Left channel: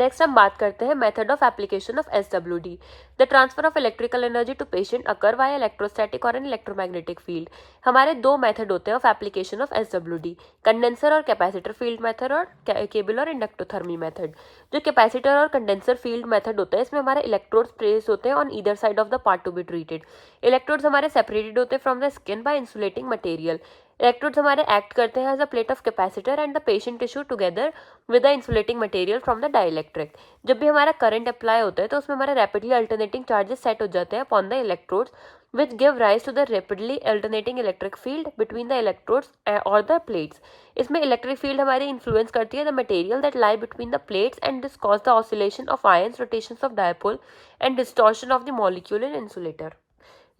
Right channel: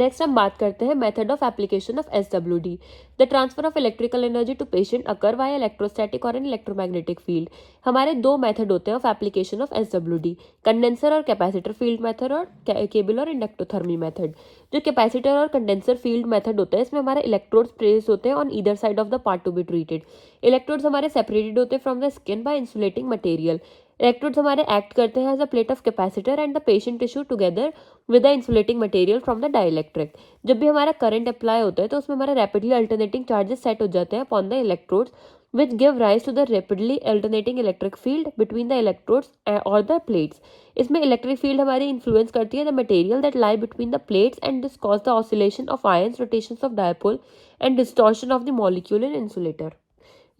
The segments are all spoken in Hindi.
नेक्स्ट हम बात करते हैं method of application of SWD। The transfer of electrical energy to patient occur via electrostatic or an electromagnetic field. हमारे दो मेथड होते हैं of application of SWD, condenser और कैपेसिटर फील्ड मेथड और केबल और इंडक्टोथर्मी मेथड। जो कैपेसिटर और कंडेंसर फील्ड मेथड होता है इसमें हमारे इलेक्ट्रोड्स प्लेस होते हैं on either side of the part to be treated. Electrodes हमारे सेपरेटेड होते हैं from the skin by insulating material. Electrodes हमारे एक्ट करते हैं as a plate of capacitor and the patient tissue together with the insulating material from the dielectric. जब भी हमारा करंट अप्लाई होता है तो उसमें हमारे रैपिडली अल्टरनेटिंग चार्जेस सेट हो जाते हैं upon the electrodes which give rise to the rapidly alternating electric field between the electrodes or the plates. इसमें इलेक्ट्रिक फील्ड हमारी इन्फ्लुएंस करती है the material that lie between the plates and this cause the oscillation of ions, rotations of dipole and distortion of the molecule in insulator.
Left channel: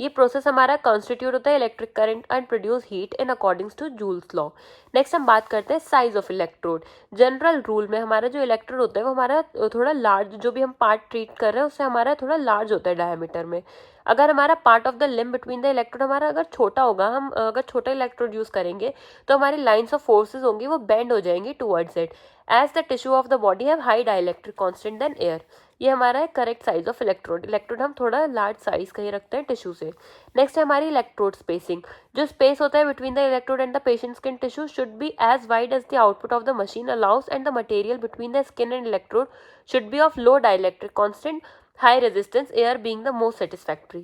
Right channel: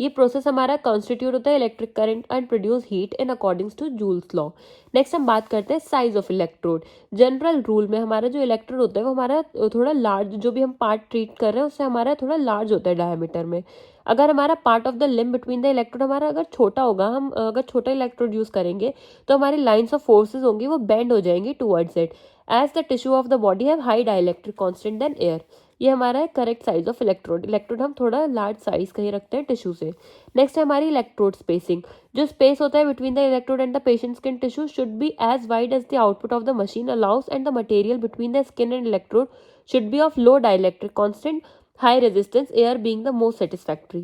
ये प्रोसेस हमारा कॉन्स्टिट्यूट होता है electric current and produce heat in according to Joule's law. Next हम बात करते हैं size of electrode. General rule में हमारा जो इलेक्ट्रोड होता है वो हमारा थोड़ा लार्ज, जो भी हम पार्ट ट्रीट कर रहे हैं उससे हमारा थोड़ा लार्ज होता है डायमीटर में। अगर हमारा part of the limb between the electrode हमारा अगर छोटा होगा, हम अगर छोटा इलेक्ट्रोड यूज करेंगे तो हमारी लाइन्स ऑफ फोर्सेज होंगी वो बेंड हो जाएंगी towards it as the tissue of the body have high dielectric constant than air. ये हमारा है correct size of electrode. Electrode हम थोड़ा लार्ज साइज का ही रखते हैं टिश्यू से। नेक्स्ट है हमारी इलेक्ट्रोड स्पेसिंग। जो स्पेस होता है between the electrode and the patient skin tissue should be as wide as the output of the machine allows and the material between the skin and electrode should be of low dielectric constant, high resistance, air being the most satisfactory.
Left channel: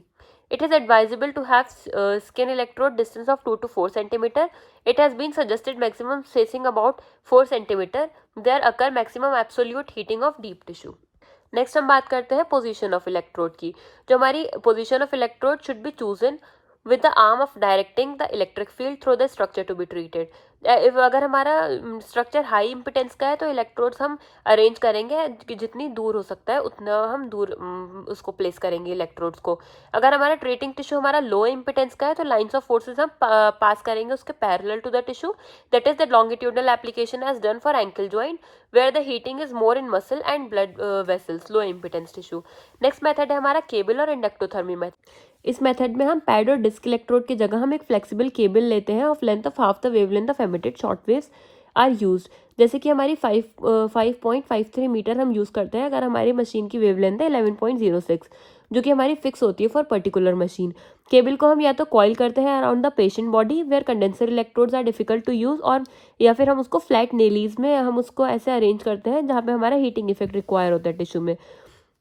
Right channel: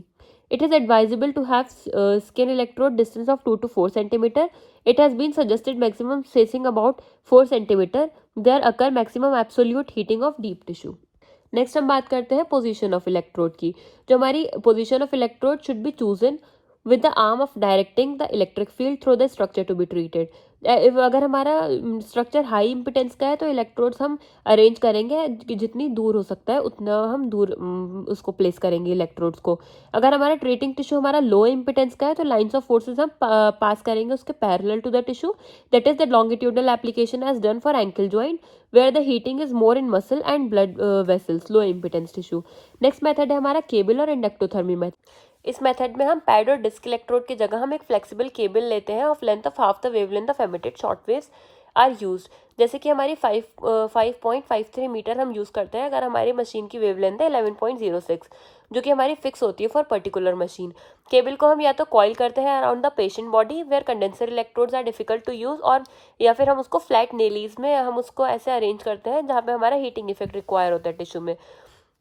It is advisable to have skin electrode distance of 2 to 4 centimeter. It has been suggested maximum spacing about 4 centimeter. There occur maximum absolute heating of deep tissue. Next हम बात करते हैं पोजीशन ऑफ इलेक्ट्रोड की। जो हमारी position of electrode should be chosen with the arm of directing the electric field through the structure to be treated. अगर हमारा स्ट्रक्चर हाई इम्पिटेंस का है तो इलेक्ट्रोड्स हम अरेंज करेंगे कि जितनी दूर हो सकता है उतना हम दूर उसको प्लेस करेंगे इलेक्ट्रोड्स को। अगर हमारा ट्रीटिंग टिश्यू हमारा लो इम्पिटेंस का है तो लाइन्स ऑफ फोर्सेज हम पास करेंगे उसके parallel to the tissue. That is the longitudinal application as done for ankle joint where the heating is more in muscle and blood vessels, low impedance tissue. Next method है हमारा केबल और इंडक्टोथर्मी मेथड। इस मेथड में हम पैड और डिस्क इलेक्ट्रोड की जगह हम एक फ्लेक्सिबल केबल लेते हैं of length of half the wavelength of emitted short waves are used. जैसे कि हमारी 5.53 मीटर हम यूज़ करते हैं अगर हमारी मशीन की वेवलेंथ है 11.06, जो कि हमारी फिक्स होती है फॉर पर्टिकुलर मशीन। केबल को हम या तो कॉइल करते हैं around the patient body where condenser electrodes are difficult to use, और या फिर हम उसको फ्लैट नेलीज में हम उसको ऐसे अरेंज करते हैं जहाँ पे हमारा हीटिंग इफेक्ट रिक्वायर होता है टिश्यू में।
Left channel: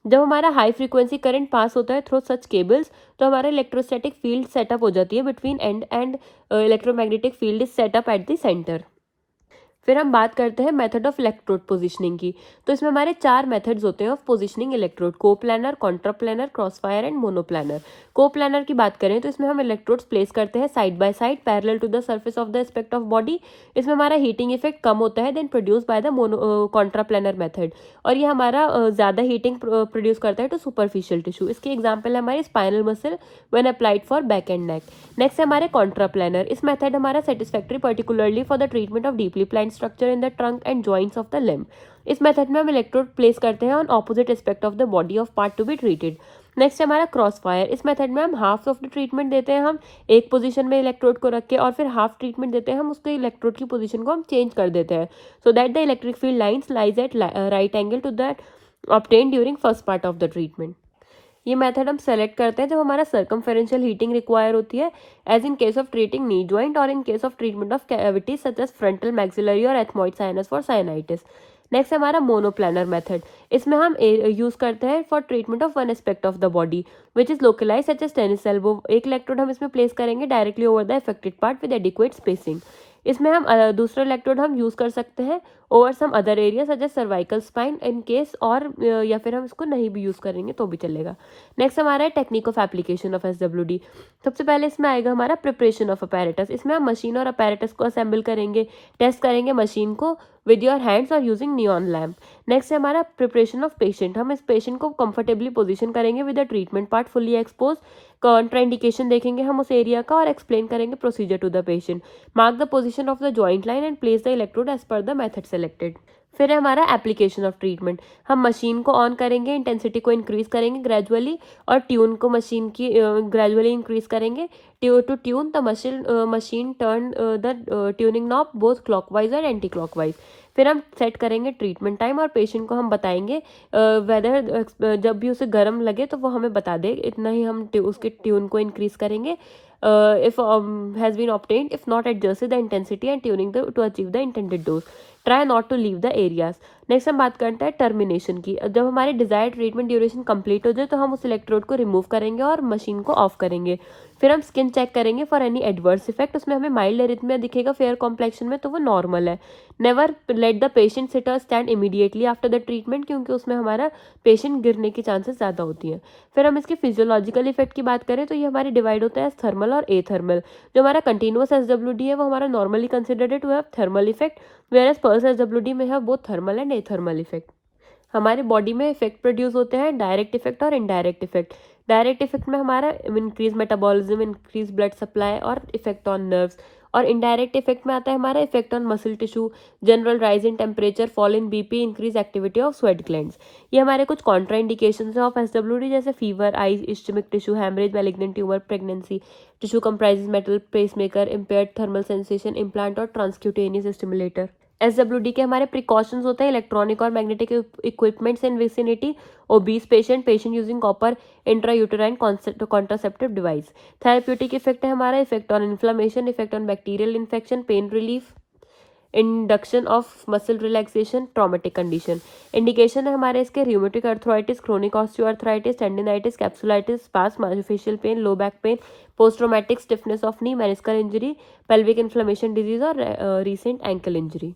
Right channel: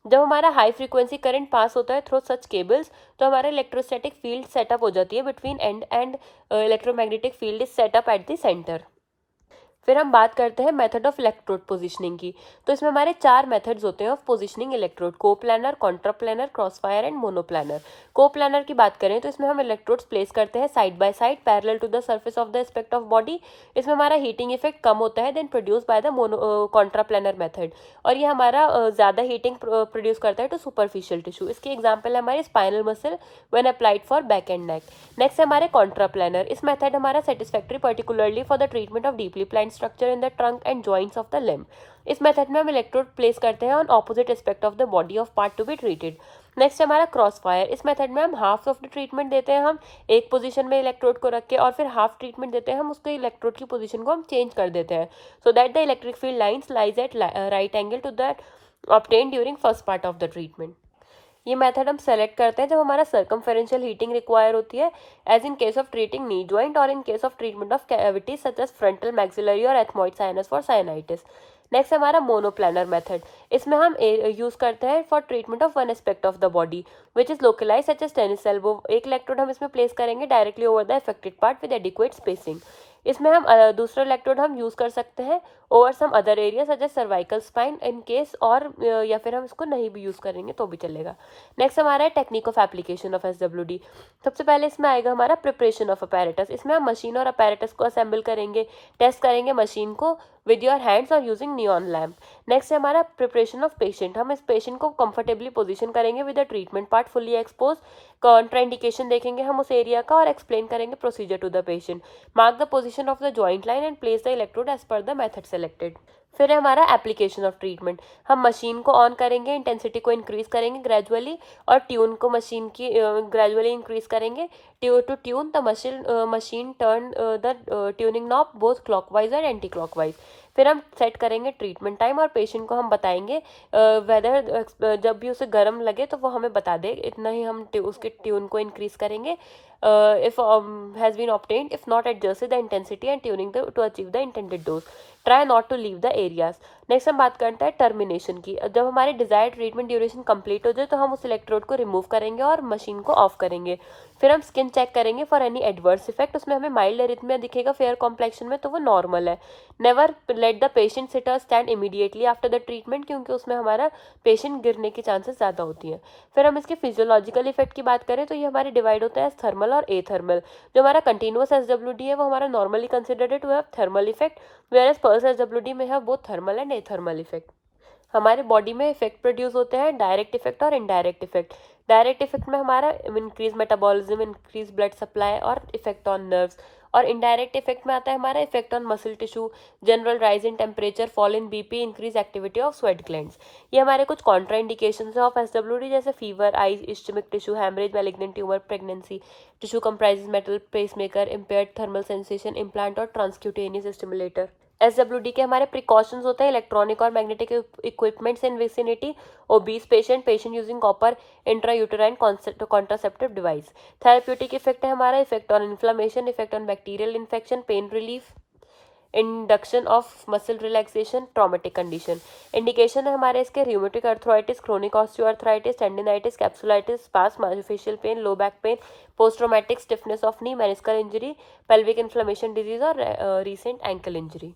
जब हमारा हाई फ्रीक्वेंसी करंट पास होता है थ्रू सच केबल्स तो हमारा इलेक्ट्रोस्टैटिक फील्ड सेटअप हो जाती है between and and electromagnetic field is setup at the centre. फिर हम बात करते हैं मेथड ऑफ इलेक्ट्रोड पोजीशनिंग की। तो इसमें हमारे 4 मेथड्स होते हैं of positioning electrode: coplanar, contraplanar, crossfire and monoplanar. Coplanar की बात करें तो इसमें हम इलेक्ट्रोड्स प्लेस करते हैं side by side parallel to the surface of the aspect of body. इसमें हमारा हीटिंग इफेक्ट कम होता है then produce by the contraplanar method, और ये हमारा ज़्यादा हीटिंग प्रोड्यूस करता है टू सुपरफिशियल टिश्यू। इसकी एग्जाम्पल है हमारी spinal muscle when applied for back and neck. Next है हमारे कॉन्ट्राप्लानर। इस मेथड हमारा satisfactory particularly for the treatment of deeply planned structure in the trunk and joints of the limb. इस मेथड में हम इलेक्ट्रोड प्लेस करते हैं on opposite aspect of the body of part to be treated. Next है हमारा क्रॉस फायर। इस मेथड में हम हाफ ऑफ द ट्रीटमेंट देते हैं हम एक पोजीशन में इलेक्ट्रोड को रख के, और फिर हाफ ट्रीटमेंट देते हैं हम उसके इलेक्ट्रोड की पोजीशन को हम चेंज कर देते हैं so that the electric field lines lies at right angle to that obtain during first part of the treatment. ये मेथड हम सेलेक्ट करते हैं जब हमारा सर्कमफेरेंशियल हीटिंग रिक्वायर होती है, as in case of treating knee joint और in case of treatment of cavities such as frontal maxillary और ethmoid sinus for sinusitis. Next है हमारा मोनोप्लानर मेथड। इसमें हम यूज़ करते हैं for treatment of one aspect of the body which is localize such as tennis elbow. एक इलेक्ट्रोड हम इसमें प्लेस करेंगे directly over the affected part with adequate spacing. इसमें हम दूसरा इलेक्ट्रोड हम यूज़ कर सकते हैं over some other area such as cervical spine in case, और या फिर हम इसको नहीं भी यूज़ करेंगे तो भी चलेगा। नेक्स्ट हमारा है technique of application of SWD। सबसे पहले इसमें आएगा हमारा प्रिपरेशन ऑफ अपैरेटस। इसमें हम मशीन और अपैरेटस को असेंबल करेंगे, टेस्ट करेंगे मशीन को विद योर हैंड्स और यूजिंग नियॉन लैम्प। नेक्स्ट है हमारा प्रिपरेशन ऑफ पेशेंट। हम इस पेशेंट को कंफर्टेबली पोजीशन करेंगे with the treatment part fully expose. Contraindication देखेंगे हम उस एरिया का और एक्सप्लेन करेंगे procedure to the patient. Mark the position of the joint line and place the electrode as per the method selected. फिर है हमारा एप्लीकेशन ऑफ ट्रीटमेंट। हम मशीन को ऑन करेंगे, इंटेंसिटी को इंक्रीज करेंगे ग्रेजुअली, और ट्यून को मशीन की ग्रेजुअली इंक्रीज करेंगे to tune the machine turn the tuning knob both clockwise और एंटी क्लॉकवाइज। फिर हम सेट करेंगे ट्रीटमेंट टाइम और पेशेंट को हम बताएंगे वेदर जब भी उसे गर्म लगे तो वो हमें बता दे, इतना ही हम उसके ट्यून को इंक्रीज करेंगे if has been obtained. If not, adjust the intensity and tuning to achieve the intended dose. Try not to leave the areas. Next हम बात करते हैं टर्मिनेशन की। जब हमारे डिजायर्ड ट्रीटमेंट ड्यूरेशन कंप्लीट हो जाए तो हम उस इलेक्ट्रोड को रिमूव करेंगे और मशीन को ऑफ करेंगे। फिर हम स्किन चेक करेंगे फॉर एनी एडवर्स इफेक्ट। उसमें हमें माइल्ड एरिथमिया दिखेगा फेयर कॉम्प्लेक्शन में तो वो नॉर्मल है। Never let the patient sit और stand immediately after the treatment, क्योंकि उसमें हमारा पेशेंट गिरने की चांसेस ज़्यादा होती हैं। फिर हम इसके फिजियोलॉजिकल इफेक्ट की बात करें तो ये हमारे डिवाइड होता है थर्मल और एथर्मल। जो हमारा कंटिन्यूअस एसडब्ल्यूडी है वो हमारा normally considered to have thermal effect, where pulse SWD में है both thermal and athermal effect. हमारे बॉडी में इफेक्ट प्रोड्यूस होते हैं डायरेक्ट इफेक्ट और इनडायरेक्ट इफेक्ट। डायरेक्ट इफेक्ट में हमारा increase metabolism, increase blood supply और इफेक्ट ऑन नर्व्स। और इनडायरेक्ट इफेक्ट में आता है हमारा effect on muscle tissue, general rise in temperature, fall in BP, increase activity of sweat glands. ये हमारे कुछ कॉन्ट्रा इंडिकेशन है ऑफ एसडब्ल्यूडी, जैसे fever, eyes, ischemic tissue, haemorrhage, malignant tumour, pregnancy, tissue comprises metal, pacemaker, impaired thermal sensation, implant और ट्रांसक्यूटेनियस स्टिमुलेटर। एसडब्ल्यूडी के हमारे प्रिकॉशंस होते हैं इलेक्ट्रॉनिक और magnetic equipments in vicinity, obese patient, patient using copper intrauterine contraceptive device. Therapeutic effect है हमारा effect on inflammation, effect on bacterial infection, pain relief, induction of muscle relaxation, traumatic condition. Indication है हमारे इसके rheumatic arthritis, chronic osteoarthritis, tendinitis, capsulitis, spasm, myofascial pain, low back pain, post traumatic stiffness of knee, meniscal injury, pelvic inflammation disease और रिसेंट एंकल इंजरी।